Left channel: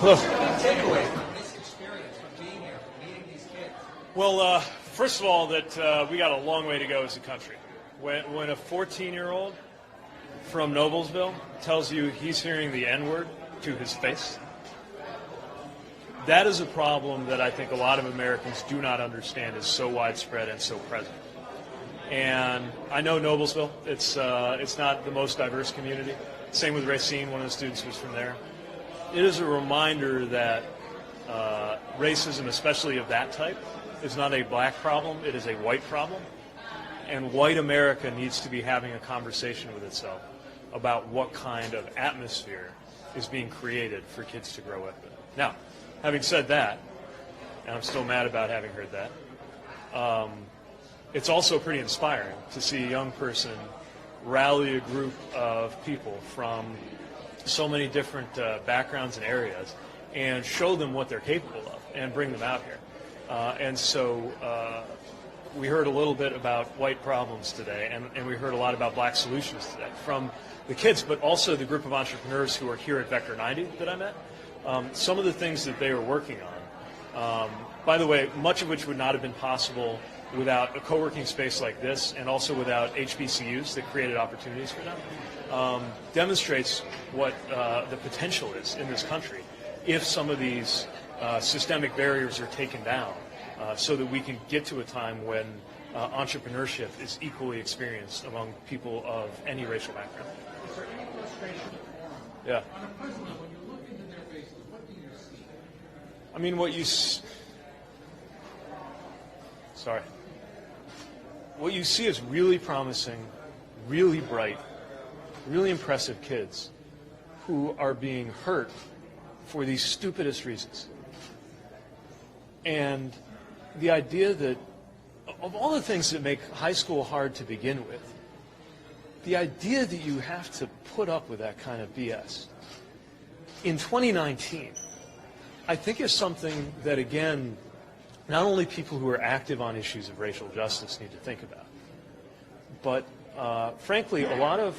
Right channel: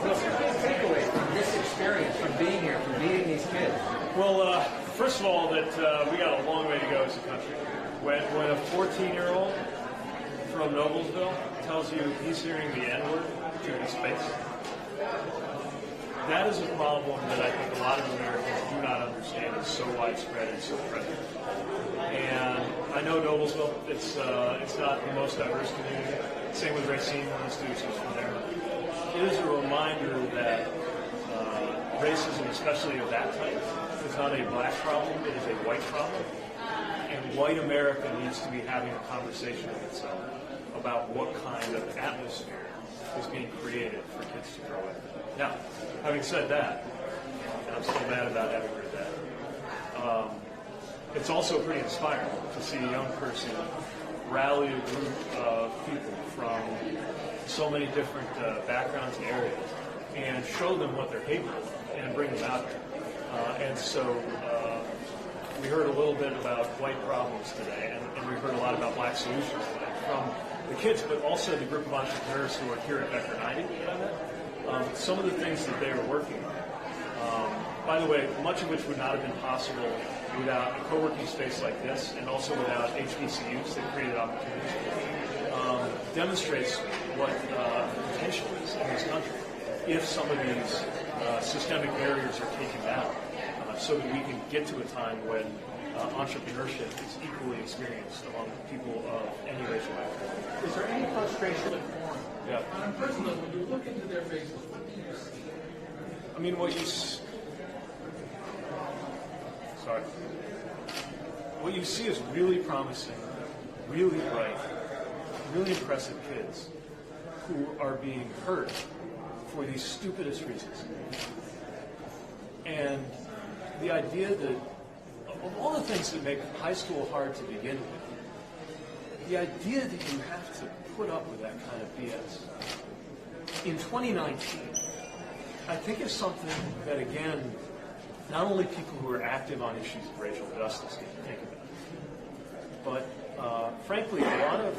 What's your takeaway from this experience, from being here, from meeting these kids? Well, first of all, that we got a long way to go as a country. When a 14-year-old from Noblesville tells you he's hearing the N-word to his face, that is a problem that I think a lot of Americans do not understand is so widespread and so present. And I know Noblesville, it's not the most diverse community. Same with Racine, one of the students was from there. It is a reminder that racism, especially of that type, is not a black problem, it is a white problem. And white America needs to be having a conversation with itself about what kind of atmosphere is being created for kids to grow with. Now, having said that, and I'm still mad about having heard that, it's also pretty inspiring to see a young person rally a group of people from so many different backgrounds and areas and show them what they're capable of and bring them out here. And so we heard a little bit about white problems today, and we heard a lot about black solutions today from the kids, but also the group of entrepreneurs who are here at Vector90 that I met. Some of the things that they were working on. By the way, much of which would not have been possible without a co-working space like this, and also without HBCUs that created opportunities for them, demonstrates what the potential is in this country if some of these systemic barriers are taken down, so that we can get to a time when entrepreneurship is equally experienced among people of any racial background. Is there any frustration with forum? Yeah. On a personal level, when you look into their faces, what do you see? I mean, what you see is really promising, really bright, really impressive kids who are being hurt for these stupidest reasons. And the idea that, of all the things that make high school hard to begin with, the idea that you have to put up with that kind of BS in 2019, I think is something that, again, not only people who are active on issues of racial justice need to think about, but frankly, a lot of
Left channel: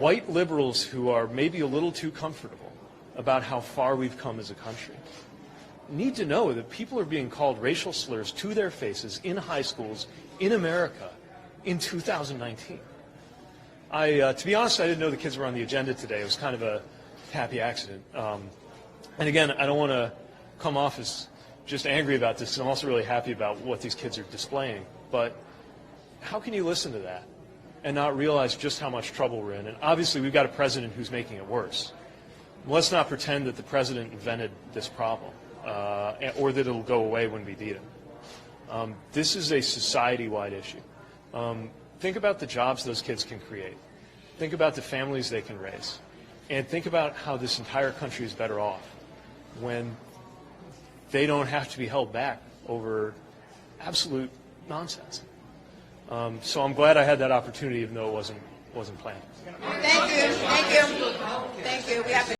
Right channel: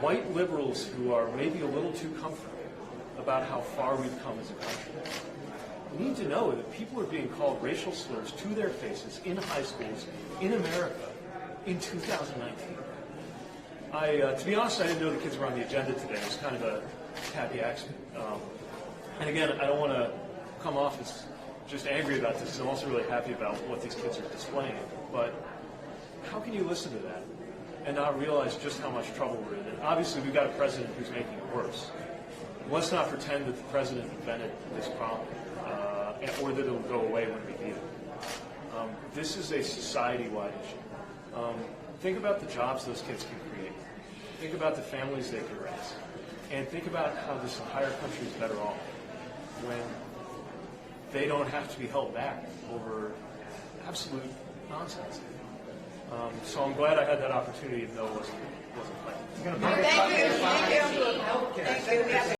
white liberals who are maybe a little too comfortable about how far we've come as a country need to know that people are being called racial slurs to their faces in high schools in America in 2019. To be honest, I didn't know the kids were on the agenda today. It was kind of a happy accident. And again, I don't want to come off as just angry about this. I'm also really happy about what these kids are displaying. But how can you listen to that and not realize just how much trouble we're in? And obviously, we've got a president who's making it worse. Let's not pretend that the president invented this problem or that it'll go away when we beat it. This is a society-wide issue. Think about the jobs those kids can create. Think about the families they can raise. And think about how this entire country is better off when they don't have to be held back over absolute nonsense. So I'm glad I had that opportunity, even though it wasn't planned. Thank you. Thank you. Thank you.